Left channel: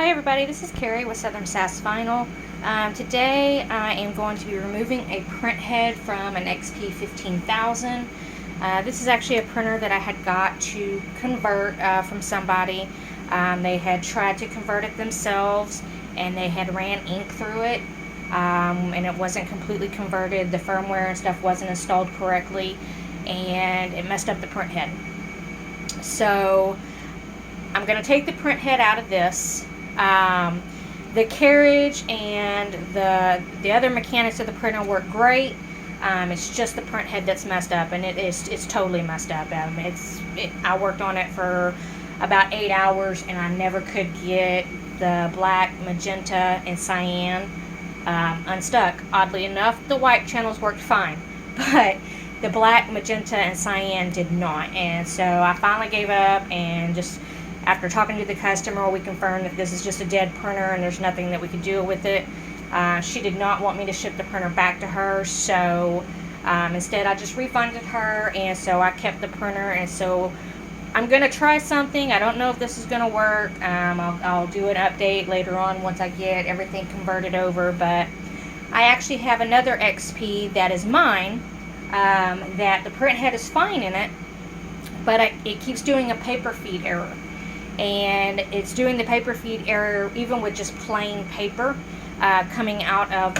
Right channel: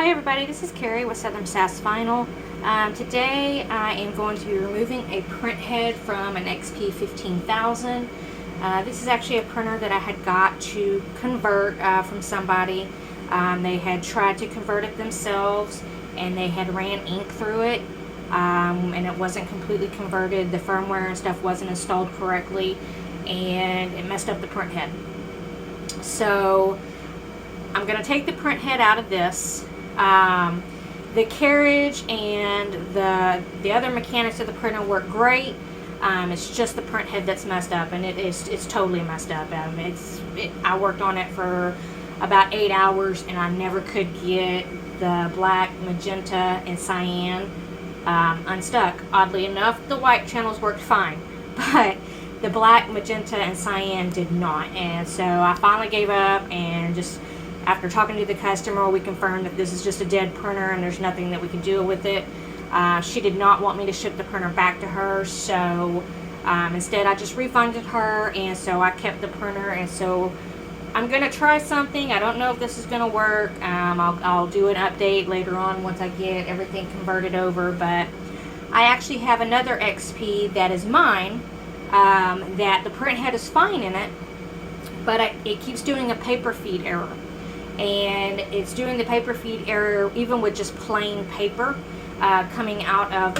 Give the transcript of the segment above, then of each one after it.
Hi everybody, this is Carrie with Southern Sass Vinyl. Today I am going to be removing a print head from an XP15000. This is actually a printer that I had got to convert from somebody. They had tried to convert it themselves and they had ran ink through it and it wasn't completely converted. The firmware and stuff wasn't installed correctly and it messed up the print head. So I'm going to take the print head out of this. The carriage and the other mechanics of the printer work great. It's just the print head that's messed up, and it's totally messed up. I worked on it for about 8 hours, and I never could get the black, magenta, and cyan unstuck. Oddly enough, the white channels worked fine, but the black, magenta, and cyan did not. And so I finally gave up, and just after talking to the customer, we confirmed that this is just a dead printer and there's nothing that we could do with it. She did not want me to ship the printer back to her, so instead I just refunded her, and so I kept the printer. And so I'm going to try something. I don't know if this is going to work. I'll do an update later on once I get everything converted over, but I actually have another XP that is mine, that the print head is fine in it, but it keeps doing a paper feed error. And it's doing the paper feed error even with just plain paper coming out of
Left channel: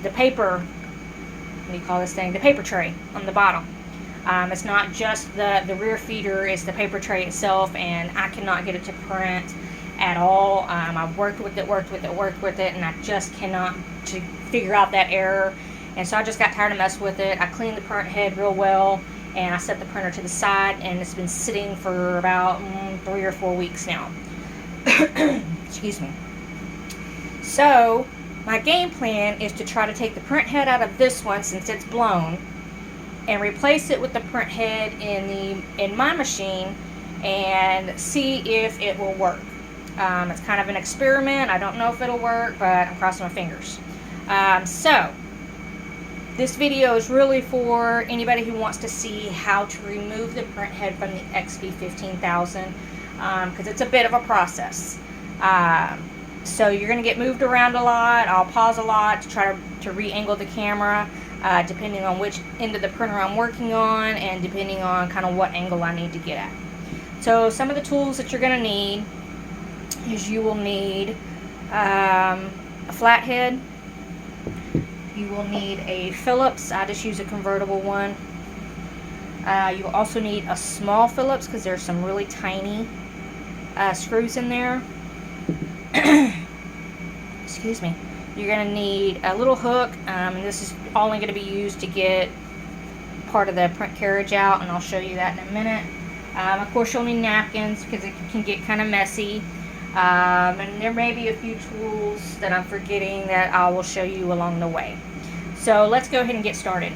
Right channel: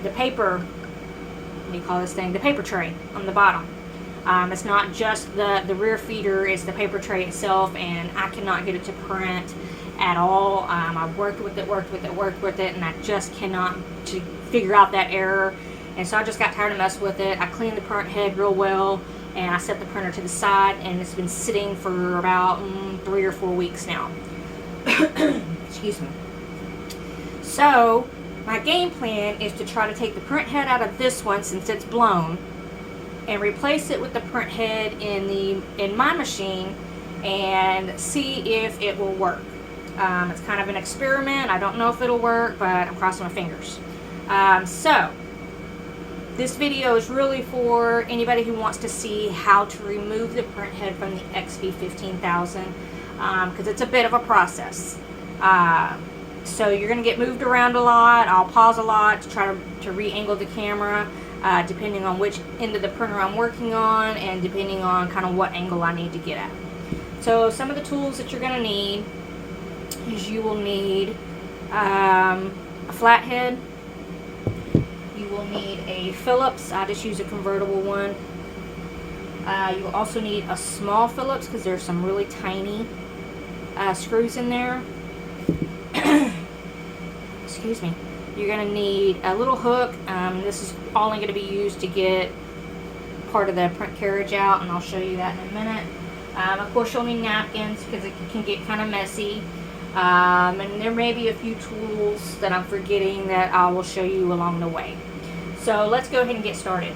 the paper, what do you call this thing, the paper tray on the bottom. It's not just the rear feeder, it's the paper tray itself, and I cannot get it to print at all. I've worked with it, and I just cannot to figure out that error. And so I just got tired of messing with it. I cleaned the print head real well, and I set the printer to the side, and it's been sitting for about 3 or 4 weeks now. Excuse me. So my game plan is to try to take the print head out of this one since it's blown, and replace it with the print head in my machine and see if it will work. It's kind of an experiment. I don't know if it'll work, but I'm crossing my fingers. So this video is really for anybody who wants to see how to remove the print head from the XP15000, because it's a bit of a process. So you're going to get moved around a lot. I'll pause a lot to try to re-angle the camera, depending on which end of the printer I'm working on and depending on kind of what angle I need to get at. So some of the tools that you're going to need is you will need a flathead. You will need a Phillips. I just use a convertible one. You will also need a small Phillips because there's some really tiny screws in there. Excuse me. You're going to need a little hook. This is only going to be used to get part of the print carriage out, and I'll show you that in a minute. Of course, you'll need napkins because it can get kind of messy. And there may be a few tools that I'm forgetting that I will show you along the way. So let's go ahead and get started.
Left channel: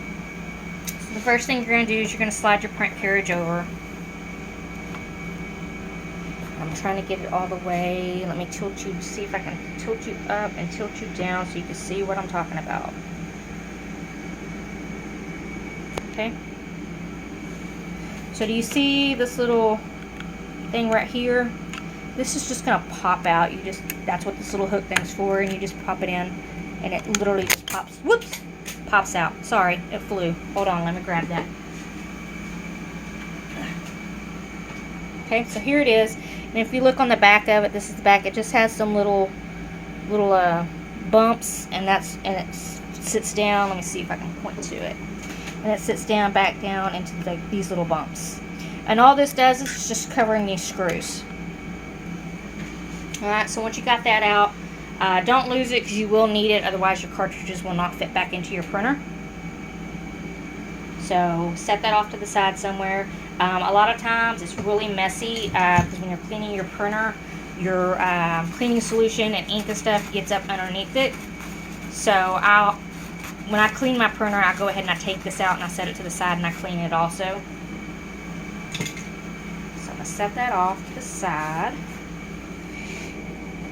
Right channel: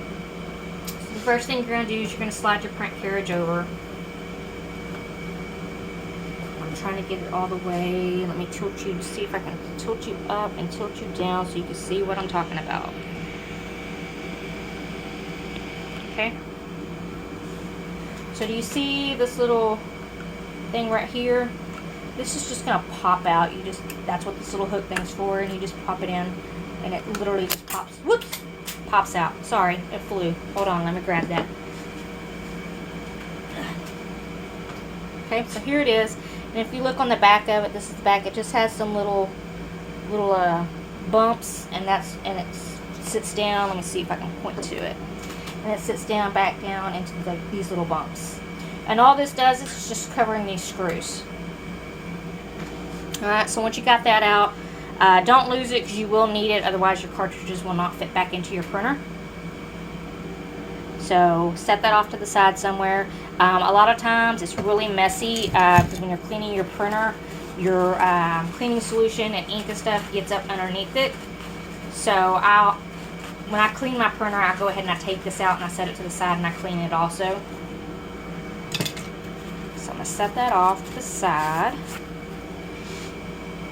So the first thing you're going to do is you're going to slide your print carriage over. I'm trying to get it all the way. Let me tilt you to see if I can tilt you up and tilt you down so you can see what I'm talking about. Okay. So do you see this little thing right here? This is just going to pop out. That's what this little hook thing's for, and you just pop it in, and it literally just pops. Whoops! Pops out. Sorry, it flew. Hold on, let me grab that. Okay, so here it is. And if you look on the back of it, this is the back. It just has some little bumps, and it sits down. Let me see if I can point to it. And it sits down, back down into these little bumps. And all this does is just covering these screws. Alright, so once you got that out, don't lose it because you will need it, otherwise your cartridges will not fit back into your printer. So set that off to the side somewhere. A lot of times it's really messy because when you're cleaning your printer, your cleaning solution and ink and stuff gets up underneath it. So when I clean my printer, I go ahead and I take this out and I set it to the side and I clean it also. So I'm going to set that off to the side.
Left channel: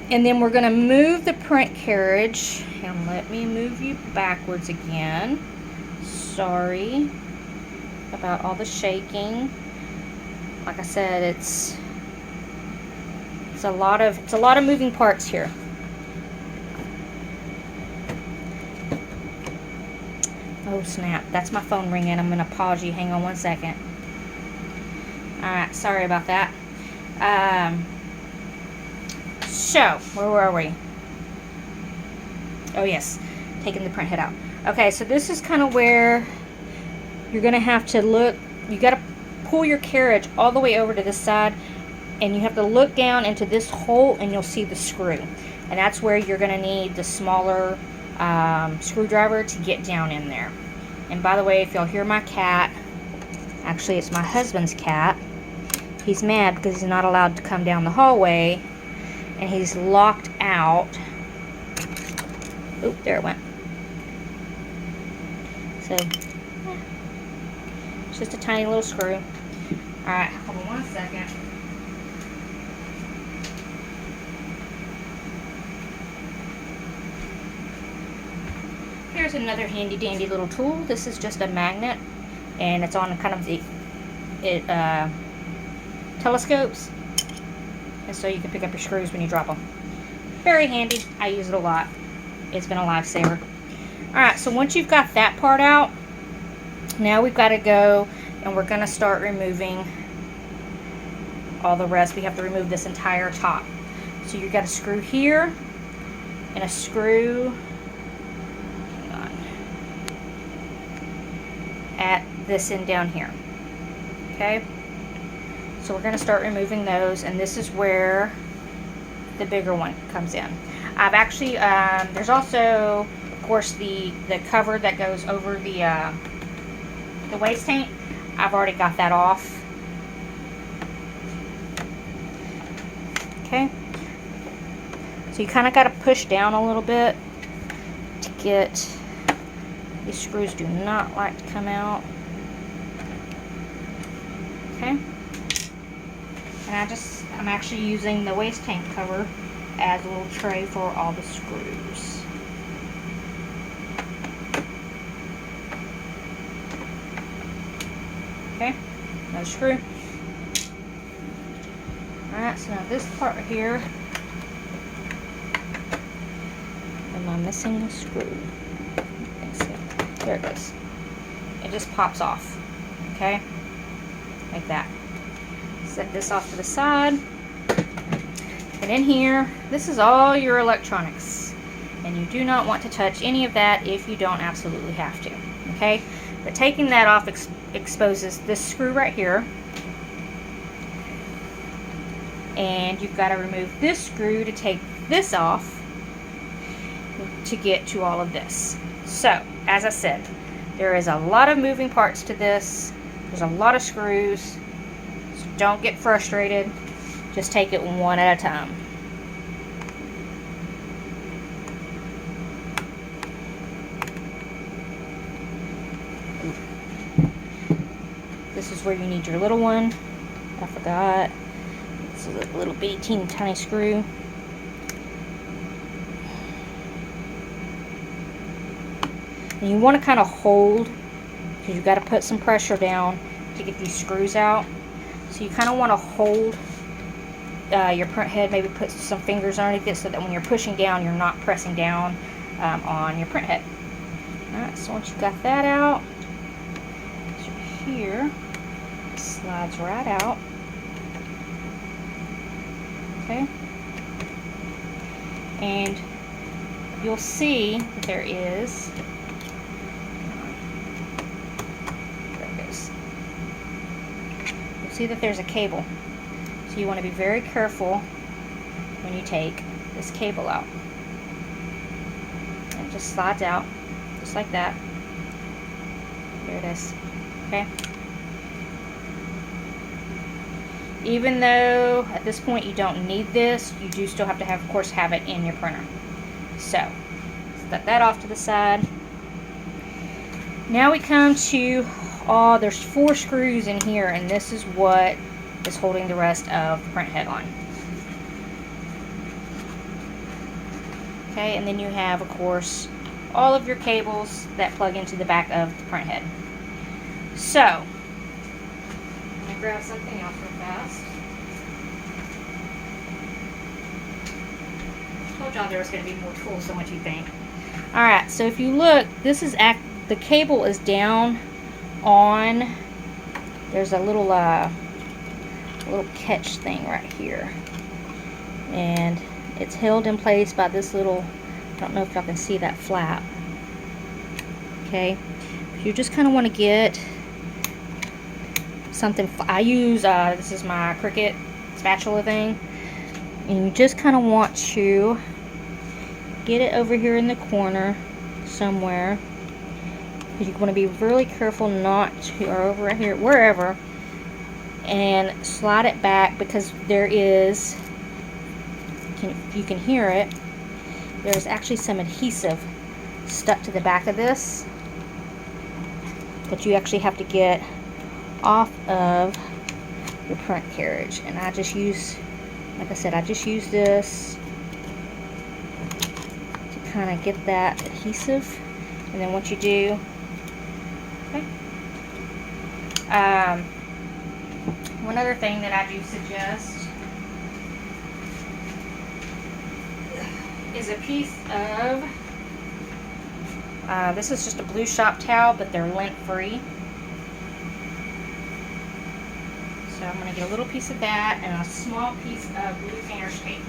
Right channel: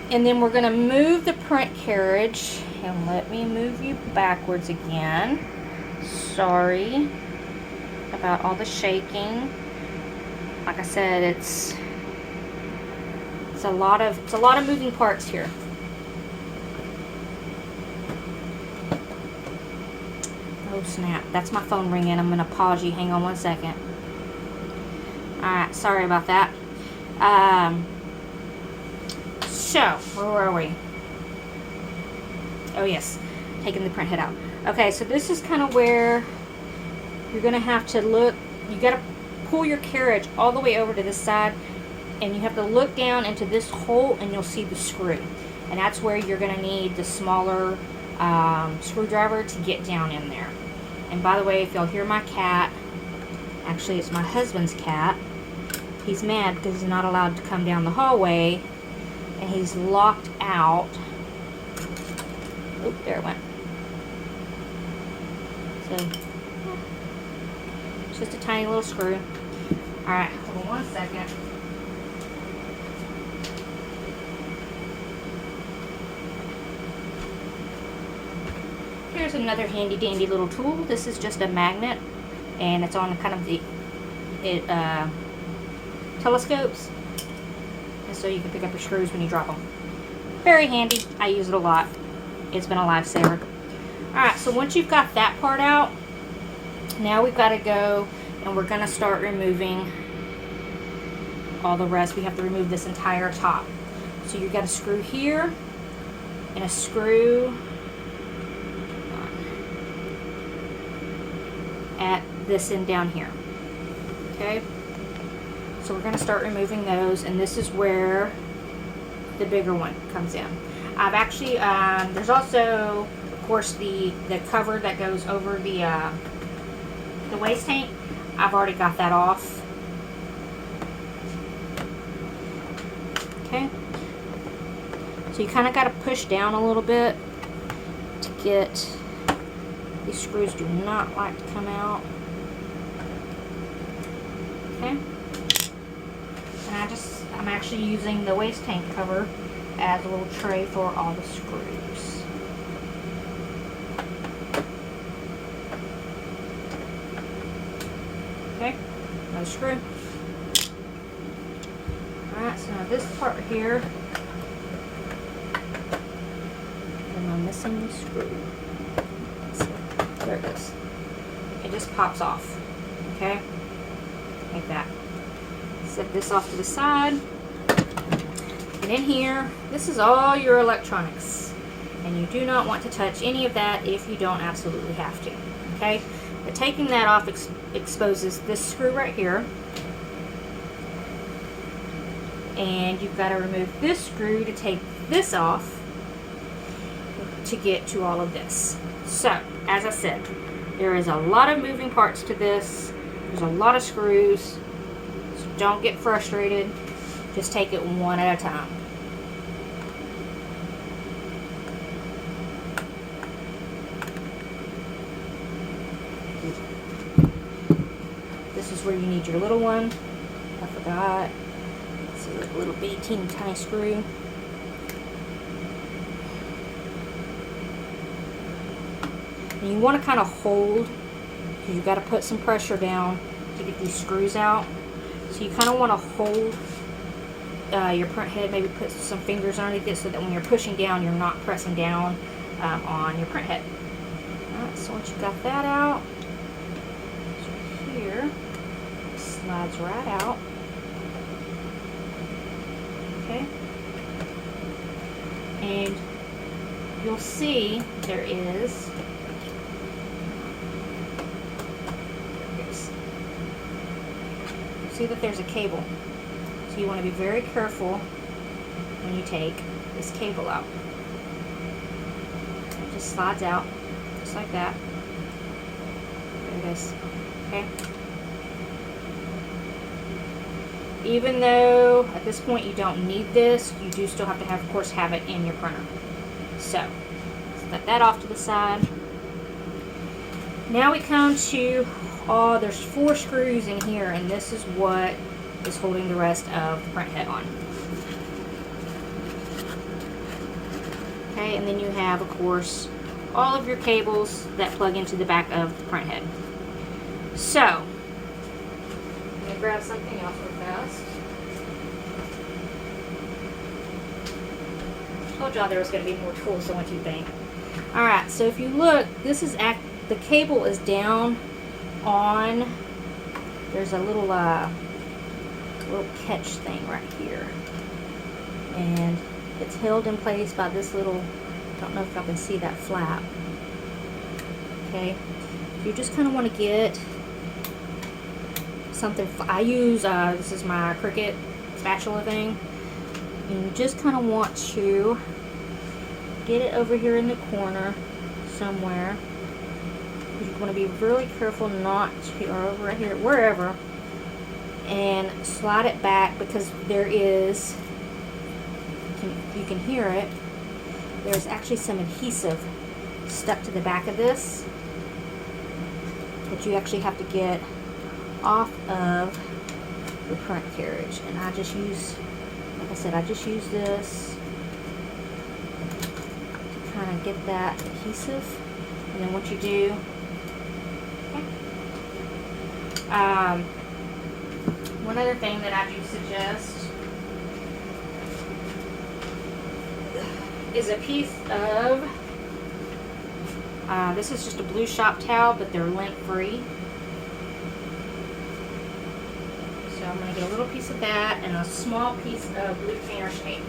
And then we're going to move the print carriage, and let me move you backwards again. Sorry about all the shaking. Like I said, it's It's a lot of moving parts here. Oh snap, that's my phone ringing. I'm gonna pause you. Hang on one second. Alright, sorry about that. So, where were we? Oh yes, taking the print head out. Okay, so this is kind of where you're gonna have to look. You gotta pull your carriage all the way over to this side, and you have to look down into this hole and you'll see the screw. And that's where you're gonna need the smaller screwdriver to get down in there. And by the way, if y'all hear my cat, actually it's my husband's cat, he's mad because he's not allowed to come down the hallway and he's locked out. Oop, there it went. So it's just a tiny little screw. Alright, hold on one second. Here's another handy dandy little tool. This is just a magnet, and it's on kind of the telescopes, and so you can pick up your screws when you drop them. Very handy. I use it a lot. It's been a lifesaver. Alright, so once you've got that part out, now we've got to go and we're going to start removing all the rest. We have to remove this entire top. So you've got a screw here and a screw at this end down here. Okay, so we're going to start removing those, and this is where the bigger one comes in. I've actually there's also, of course, the cover that goes over the waste tank. I've already got that off. Okay, so you kind of got to push down a little bit to get. These screws do not like to come out. Okay. And I'm actually using the waste tank cover as a little tray for all the screws. Okay, another screw. Alright, so now this part right here, I'm missing the screw. There it is. It just pops off. Okay? Like that. Set this off to the side. And in here, this is all your electronics. And you do not want to touch any of that if you don't absolutely have to. Okay? But taking that off exposes this screw right here. And you've got to remove this screw to take this off to get to all of this. So, as I said, there is a lot of moving parts to this. There's a lot of screws. So don't get frustrated. Just take it one at a time. This is where you need your little one. I forgot. It's a little bitty teeny tiny screw. And you want to kind of hold, because you've got to put some pressure down to get these screws out. So you kind of want to hold your print head, maybe put some fingers underneath it so that when you're pushing down, you're not pressing down on your print head. Alright, so once you've got that out, here, it slides right out. Okay. And you'll see there is, see that there's a cable, so you want to be very careful when you take this cable out. It just slides out just like that. There it is. Okay, even though at this point you don't need this, you do still have to have, of course, have it in your printer. So set that off to the side. Now we come to, there's 4 screws in here, and this is what is holding the rest of the print head on. Okay, and then you have, of course, all of your cables that plug into the back of the print head. So, let me grab something else real fast. Told y'all there was going to be more tools than what you think. Alright, so if you look, this is the cable is down on, there's a little catch thing right here. And it's held in place by this little, I don't know if y'all can see that flap. Okay, you just kind of want to get something, I use, this is my Cricut spatula thing, and you just kind of want to get it over here in the corner somewhere. You want to be really careful not to, or over here, wherever, and slide it back, because there is, you can hear it, there's actually some adhesive stuck to the back of this that you actually have to get off of the print carriage. And I just use, like I said, I just use this to kind of get that adhesive. And then what you do, okay. One other thing that I do suggest is a piece of, this is just a blue shop towel, but they're lint free. So I'm going to get a little piece of that and a small piece of blue painter's tape.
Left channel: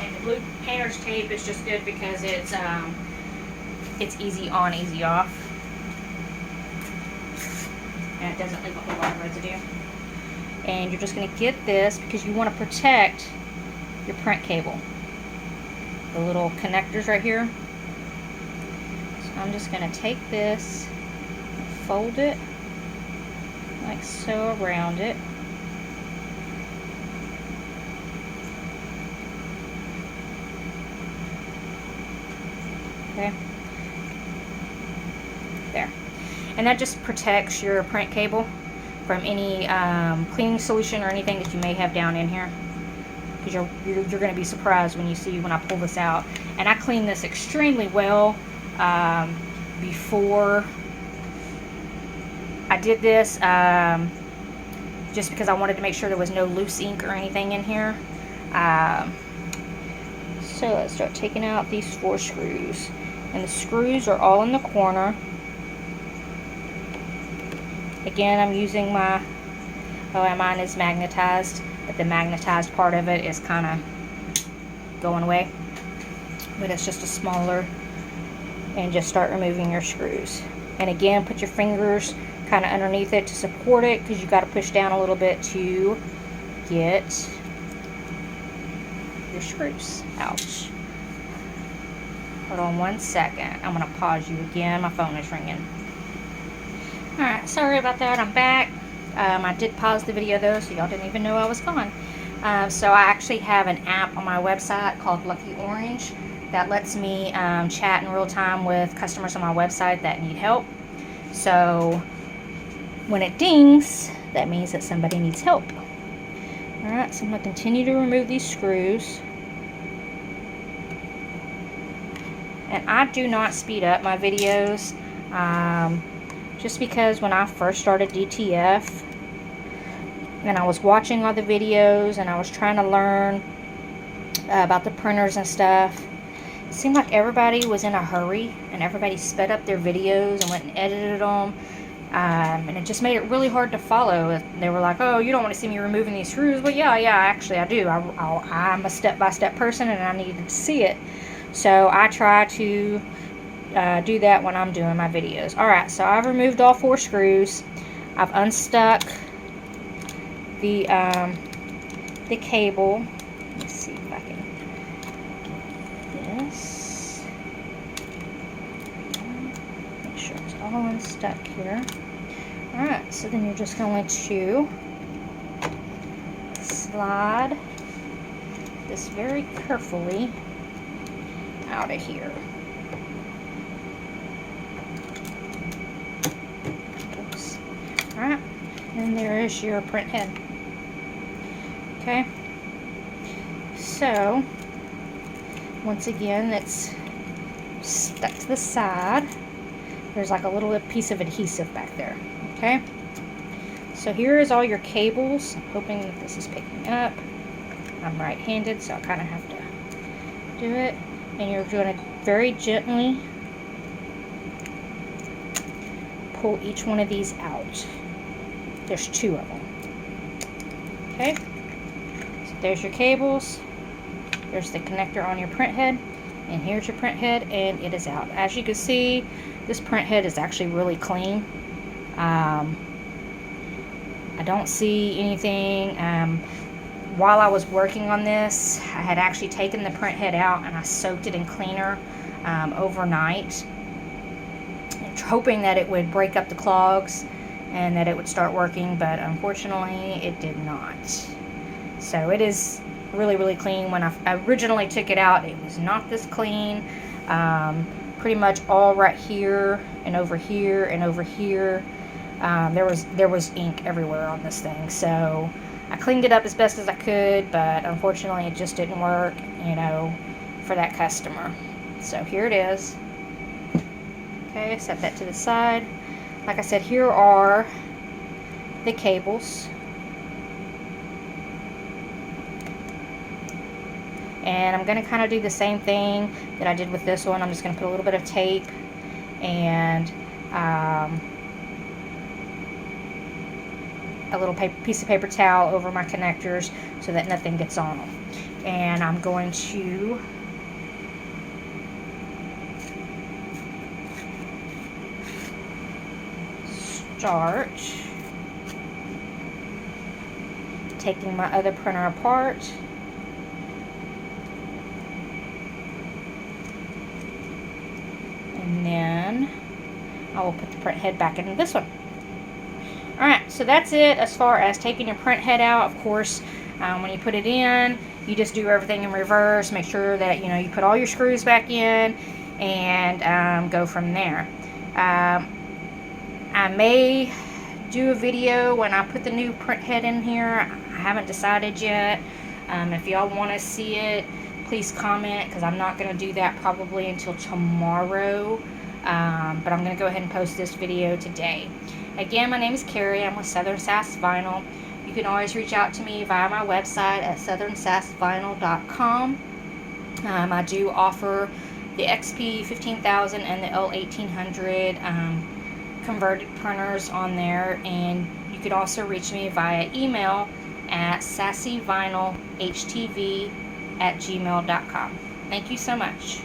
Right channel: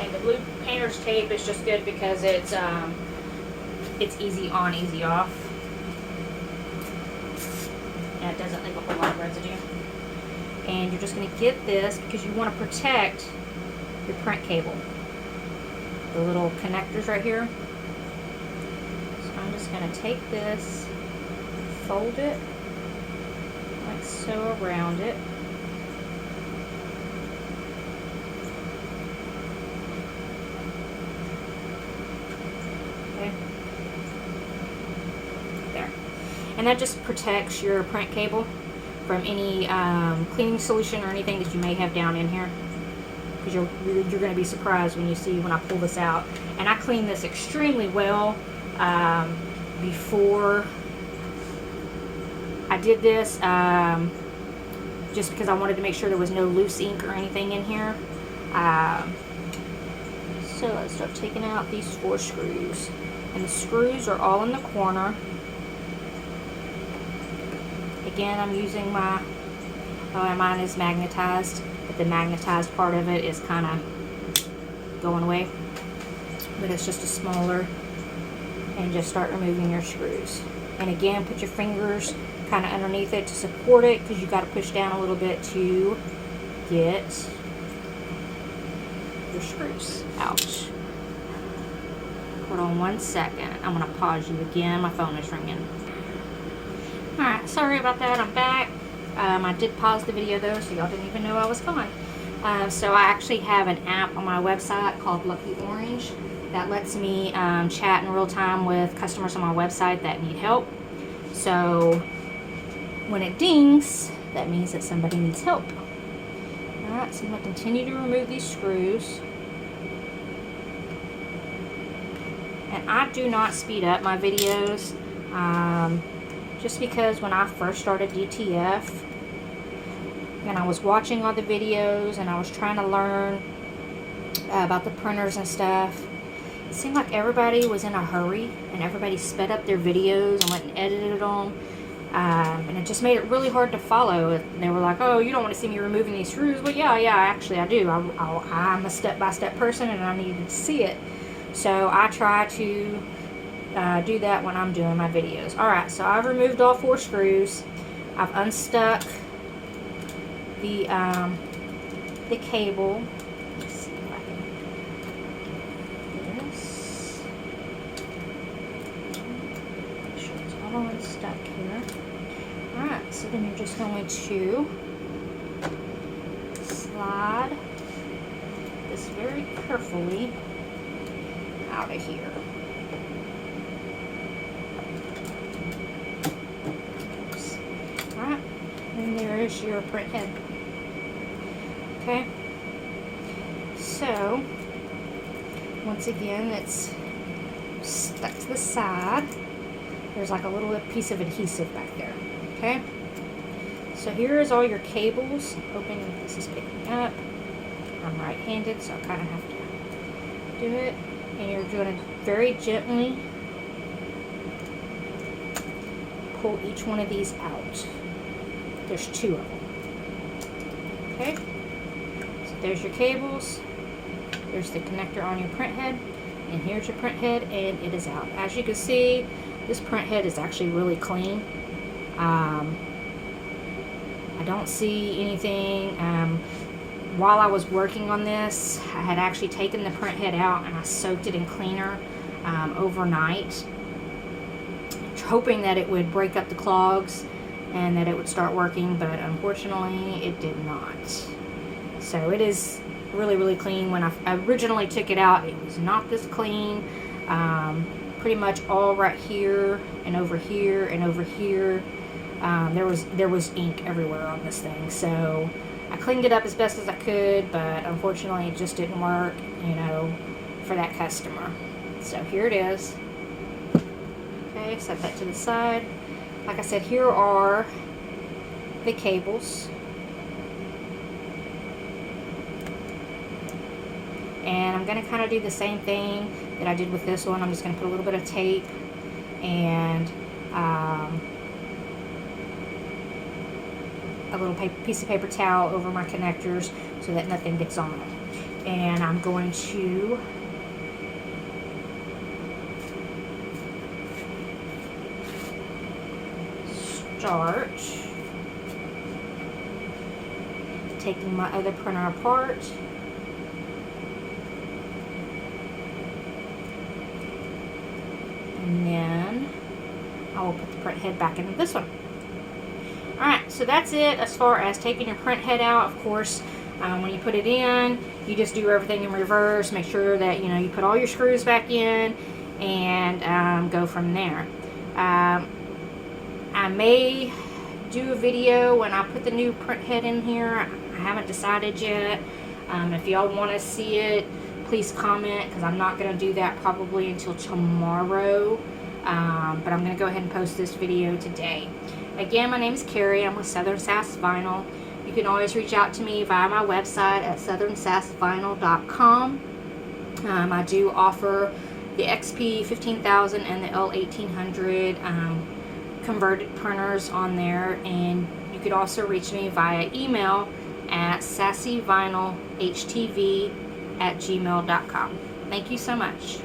And the blue painter's tape is just good because it's easy on, easy off. And it doesn't leave a whole lot of residue. And you're just going to get this because you want to protect your print cable. The little connectors right here. So I'm just going to take this, fold it like so around it. Okay. There. And that just protects your print cable from any cleaning solution or anything that you may have down in here. Because you're going to be surprised when I pull this out. And I cleaned this extremely well before I did this, just because I wanted to make sure there was no loose ink or anything in here. So let's start taking out these 4 screws. And the screws are all in the corner. Again, I'm using my, mine is magnetized, but the magnetized part of it is kind of going away. But it's just a smaller, and just start removing your screws. And again, put your fingers kind of underneath it to support it, because you got to push down a little bit to get your screws out. Hold on one second. I'm going to pause you again. My phone is ringing. Alright, sorry about that, I'm back. I did pause the video though, so y'all didn't even know I was gone. So I actually have an app on my website called Lucky Orange that lets me chat in real time with customers on my website that need help. So when it dings, that means that somebody needs help. Alright, so I'm going to continue to remove these screws. And I do not speed up my videos. Just because when I first started DTF and I was watching all the videos and I was trying to learn about the printers and stuff, it seemed like everybody was in a hurry and everybody sped up their videos and went and edited them, and it just made it really hard to follow. They were like, oh, you don't want to see me removing these screws? Well, yeah, actually I do. I'm a step-by-step person and I needed to see it, so I try to do that when I'm doing my videos. Alright, so I've removed all 4 screws. I've unstuck the cable. Let's see if I can do this. Make sure it's all unstuck here. Alright, so then you're just going to slide this very carefully out of here. And there is your print head. Okay, so once again, it's stuck to the side. There's like a little piece of adhesive back there. Okay, So here is all your cables. I'm hoping that this is picking up. I'm right-handed, so I'll kind of have to do it. And you're going to very gently pull each one of these out. There's 2 of them. Okay, so there's your cables. There's the connector on your printhead, and here's your printhead, and it is out. As you can see, this printhead is actually really clean. I don't see anything. While I was working on this, I had actually taken the printhead out and I soaked it in cleaner overnight, hoping that it would break up the clogs and that it would start working, but unfortunately it did not. So it is really, really clean. When I originally took it out, it was not this clean. Pretty much all right here and over here and over here. There was ink everywhere on this thing, so I cleaned it up as best as I could, but unfortunately it just didn't work, you know, for that customer. So here it is. Okay, set that to the side. Like I said, here are the cables. And I'm going to kind of do the same thing that I did with this one. I'm just going to put a little bit of tape and a little piece of paper towel over my connectors so that nothing gets on them. And I'm going to start taking my other printer apart. And then I will put the print head back into this one. Alright, so that's it as far as taking your print head out. Of course, when you put it in, you just do everything in reverse. Make sure that, you know, you put all your screws back in and go from there. I may do a video when I put the new print head in here. I haven't decided yet. If y'all want to see it, please comment, because I'm not going to do that probably until tomorrow. But I'm going to go ahead and post this video today. Again, my name is Carrie. I'm with Southern Sass Vinyl. You can always reach out to me via my website at southernsassvinyl.com. I do offer the XP15000 and the L1800 converted printers on there, and you could also reach me via email at sassyvinylhtv@gmail.com. Thank you so much.